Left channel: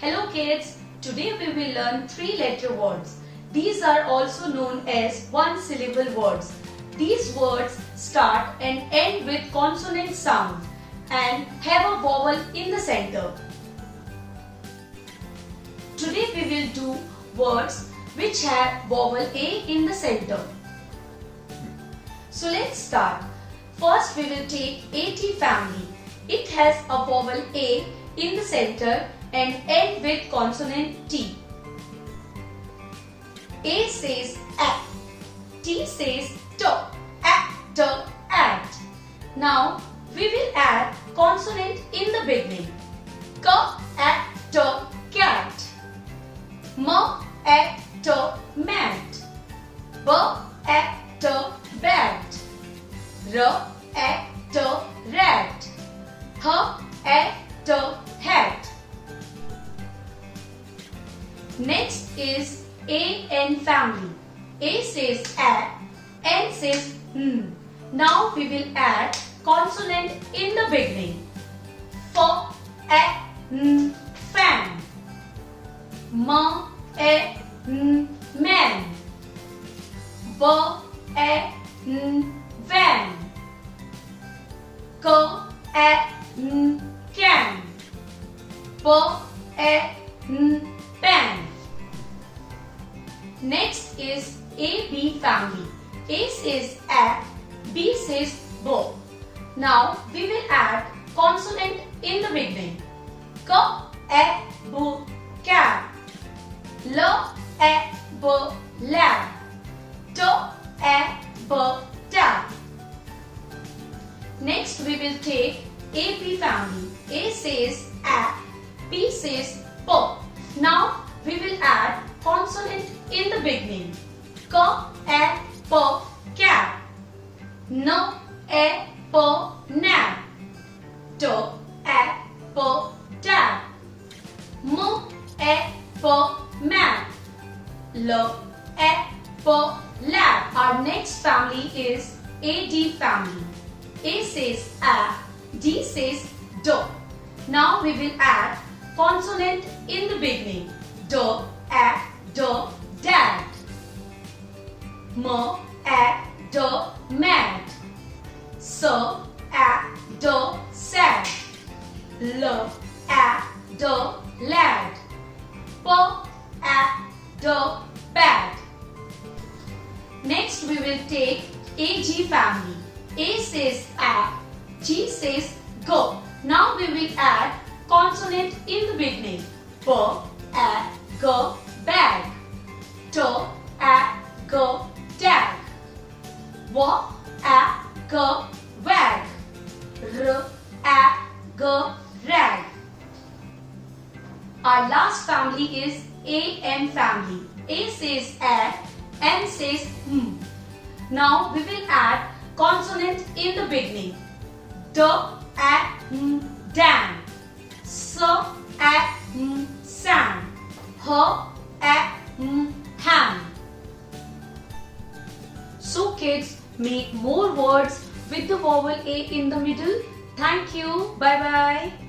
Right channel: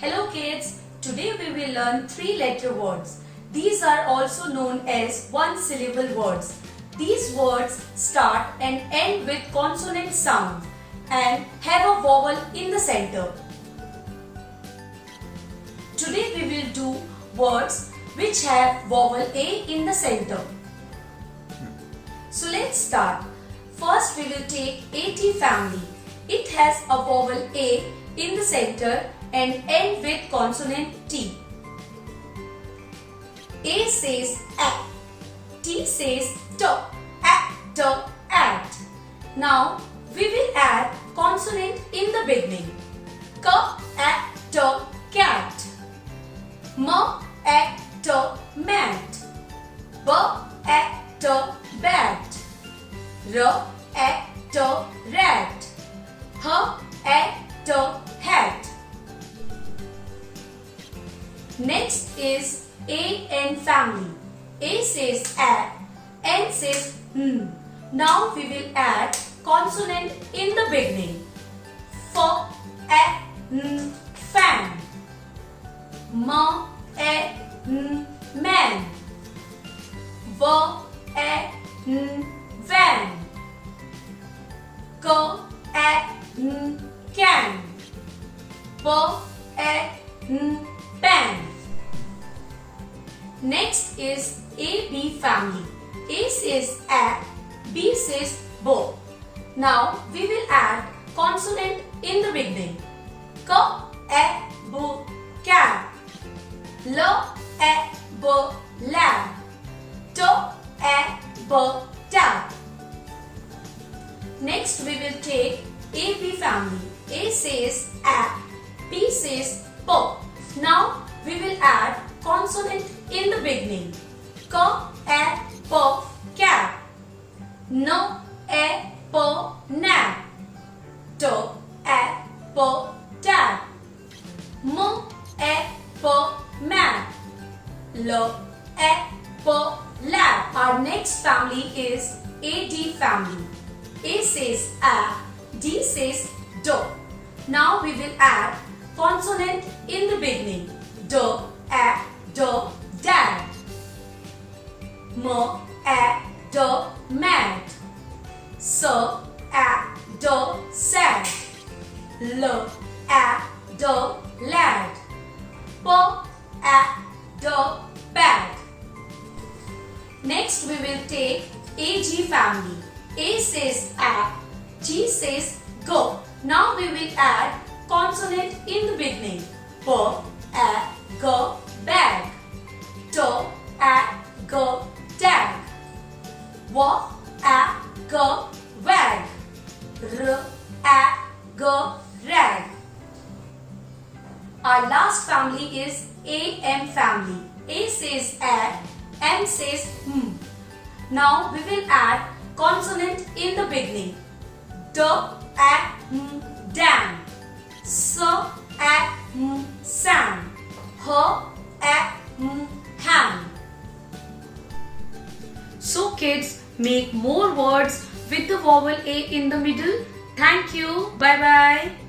Hello kids, today we will learn 3-letter words. These are also known as one-syllable words. These words start and end with consonant sound and have a vowel in the center. Today we will do words which have vowel A in the center. So let's start. First we will take AT family. It has a vowel A in the center and end with consonant T. A says A, T says T, T, at. Now we will add consonant in the beginning. K, A, T, cat. M, A, T, mat. B, A, T, bat. R, A, T, rat. H, A, T, hat. Next is AN family. A says A, N says N. Now we will add consonant in the beginning. F, A, N, fan. M, A, N, man. V, A, N, van. K, A, N, can. P, A, N, pan. Next is AB family. A says A, B says bo. Now we will add consonant in the beginning. K, A, B, cap. L, A, B, lab. T, A, B, tap. Next we will take AP family. A says A, B says P. Now we will add consonant in the beginning. K, A, P, cap. N, A, P, nap. T, A, P, tap. M, A, P, map. L, A, P, lap. Our next family is AD family. A says A, D says do. Now we will add consonant in the beginning. Do, A, do, dad. M, A, do, mad. S, A, do, sad. L, A, do, lad. P, A, do, bad. Next we will take AG family. A says A, G says go. Now we will add consonant in the beginning. B, A, G, bag. T, A, G, tag. W, A, G, wag. R, A, G, rag. Our last family is AM family. A says A, M says M. Now we will add consonant in the beginning. D, A, M, dam. S, A, M, sam. H, A, M, ham. So kids, make more words with the vowel A in the middle. Thank you. Bye bye.